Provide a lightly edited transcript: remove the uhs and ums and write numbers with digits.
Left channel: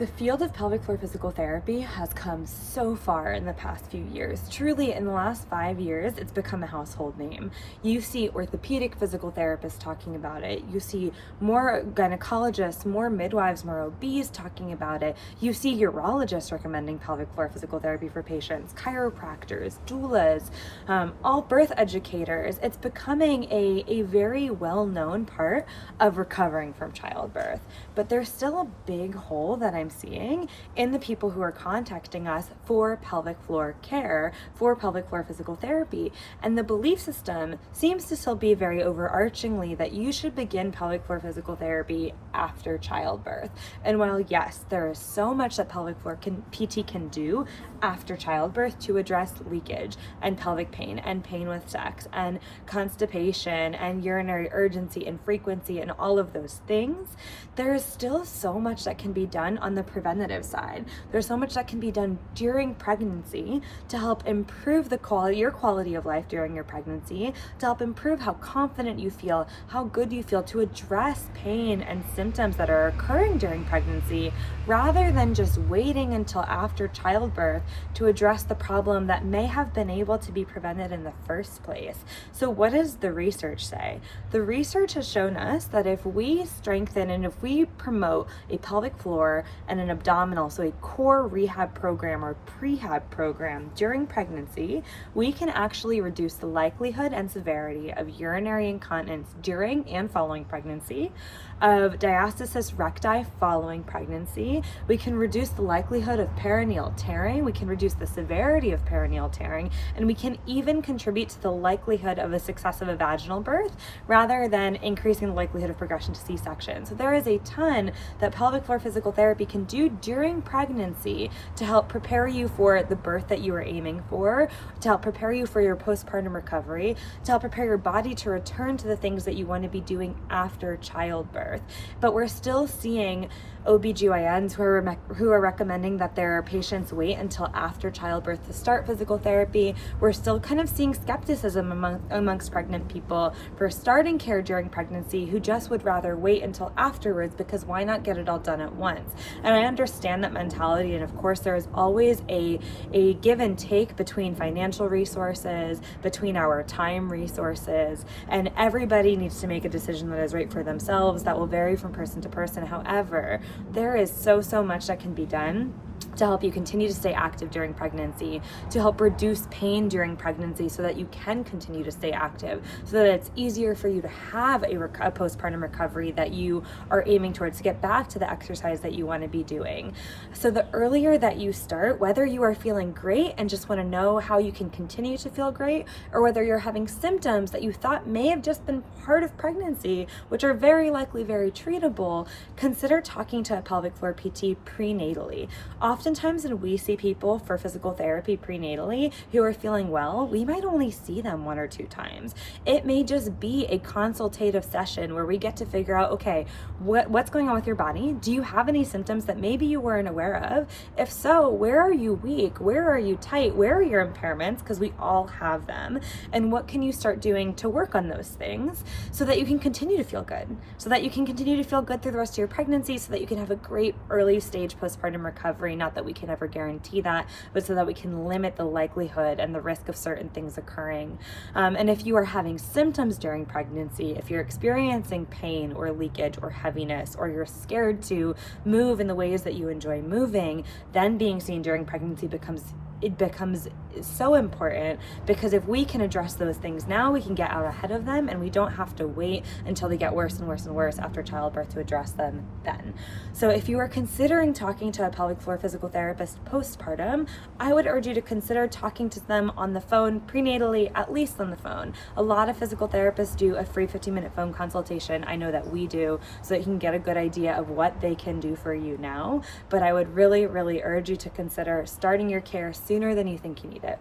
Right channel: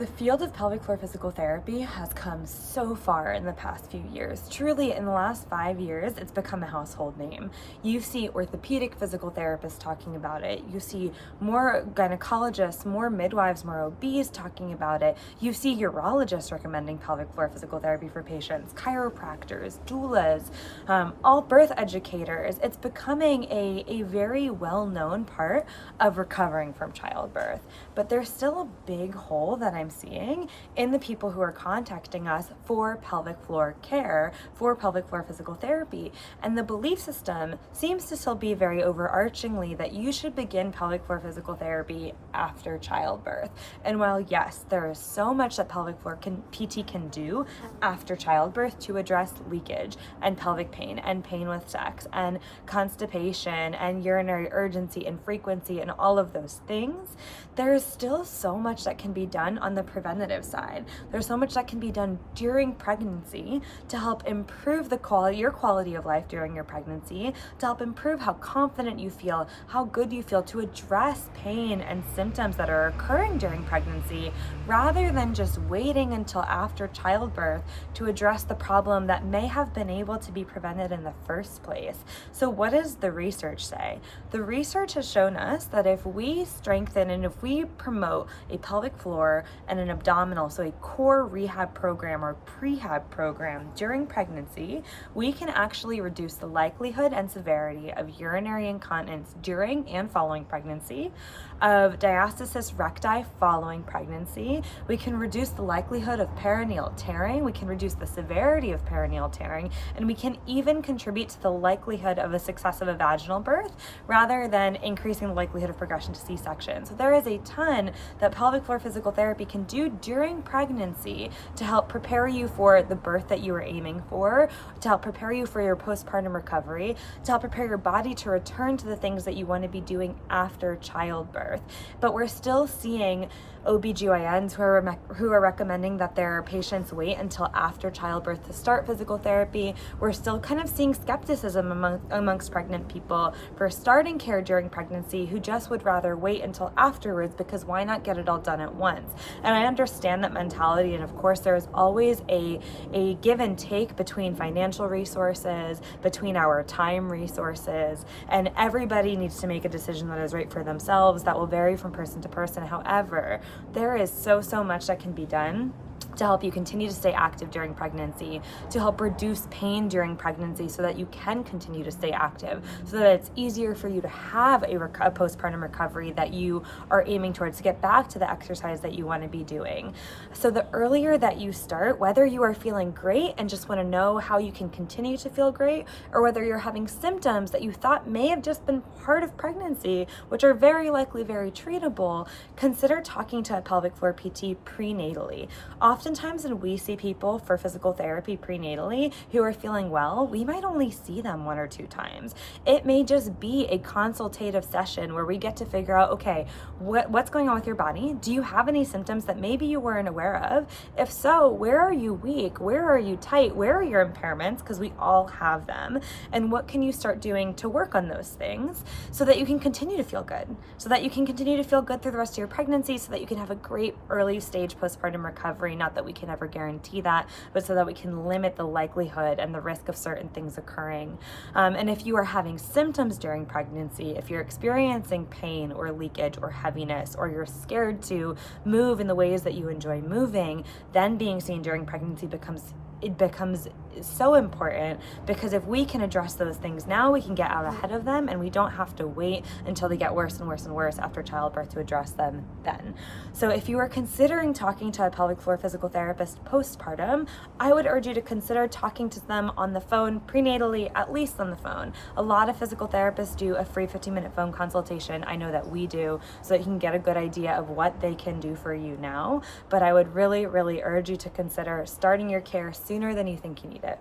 The field of pelvic floor physical therapy has come so far in the past few years. Truly, in the last 5 years, it's become a household name. You see orthopedic physical therapists talking about it. You see more gynecologists, more midwives, more OBs talking about it. You see urologists recommending pelvic floor physical therapy for patients, chiropractors, doulas, all birth educators. It's becoming a very well-known part of recovering from childbirth. But there's still a big hole that I'm seeing in the people who are contacting us for pelvic floor care, for pelvic floor physical therapy. And the belief system seems to still be very overarchingly that you should begin pelvic floor physical therapy after childbirth. And while yes, there is so much that pelvic floor PT can do after childbirth to address leakage and pelvic pain and pain with sex and constipation and urinary urgency and frequency and all of those things, there is still so much that can be done on the preventative side. There's so much that can be done during pregnancy to help improve your quality of life during your pregnancy, to help improve how confident you feel, how good you feel, to address pain and symptoms that are occurring during pregnancy, rather than just waiting until after childbirth to address the problem that may have been able to be prevented in the first place. So what does the research say? The research has shown us that if we strengthen and if we promote a pelvic floor and an abdominal, so a core rehab program or prehab program during pregnancy, we can actually reduce the likelihood and severity of urinary incontinence during and following pregnancy, of diastasis recti following pregnancy. We can reduce the likelihood of perineal tearing, we can reduce the severity of perineal tearing, and we can even contribute to the likelihood of a success of a vaginal birth rather than increasing the likelihood of progression to C-section. So there is a ton that pelvic floor physical therapy can do during pregnancy to help prepare you for the birth that you were aiming for, to help prepare you for your postpartum recovery, to help prepare your body to return to the things that you want to be doing after childbirth. But we're still seeing OBGYNs who are recommending that their patients wait until after childbirth to start physical therapy. We're still kind of seeing skepticism amongst pregnant people for starting care during pregnancy who just would rather wait until afterwards, because why not get it all done at once? And I understand that mentality, and of course there's always a give and take between financial resources, between our time resources, and everybody needs to make a decision that is right for themselves. That will vary from person to person. However, there is so much that can be done to help you continue to stay active during pregnancy, to help reduce pain during pregnancy so that you can continue to stay active, so that it's easier for you to have a postpartum recovery that you are aiming towards, to get back to the exercise that you want to be doing. So the earlier that you start, whether you are feeling great and just want to know how you can continue to feel great, or whether you're having symptoms that you thought may have just been part of pregnancy, which are very likely very treatable, consider talking to a pelvic floor PT prenatally. Oftentimes when we see people for physical therapy prenatally who are feeling well, we might only see them 1 or 2 times. It may just be a consultative session where we get to figure out, okay, what's going on with your body? Do you have any symptoms that maybe you weren't aware of? If so, where are you weak? Where are you tight? Where are your impairments? Because we all have them. And what can you start doing to work on those things so that you can continue to feel good? So that you can continue to feel good through the rest of your pregnancy, so that you can have a great early stage postpartum recovery. Not that we can ever guarantee that, but so that we can limit the likelihood and the risk of certain things occurring. And if you are having symptoms during pregnancy, if you're experiencing pain or leakage or heaviness, or you're scared to move in the ways that you enjoy moving, then being seen during pregnancy becomes so important, because if we can address those things now, we can get out ahead of them, and we don't have to wait until they get worse and worse and worse after childbirth to address them then. So if you are considering talking to a pelvic floor physical therapist postpartum, I would urge you to consider talking to them on the phone prenatally, at least on the phone. A lot of physical therapists do a free 15-minute phone consultation. I know that we do, so that you can get a good idea of what they can do for you now. But I would really urge you to consider starting your care sooner than you think you need it.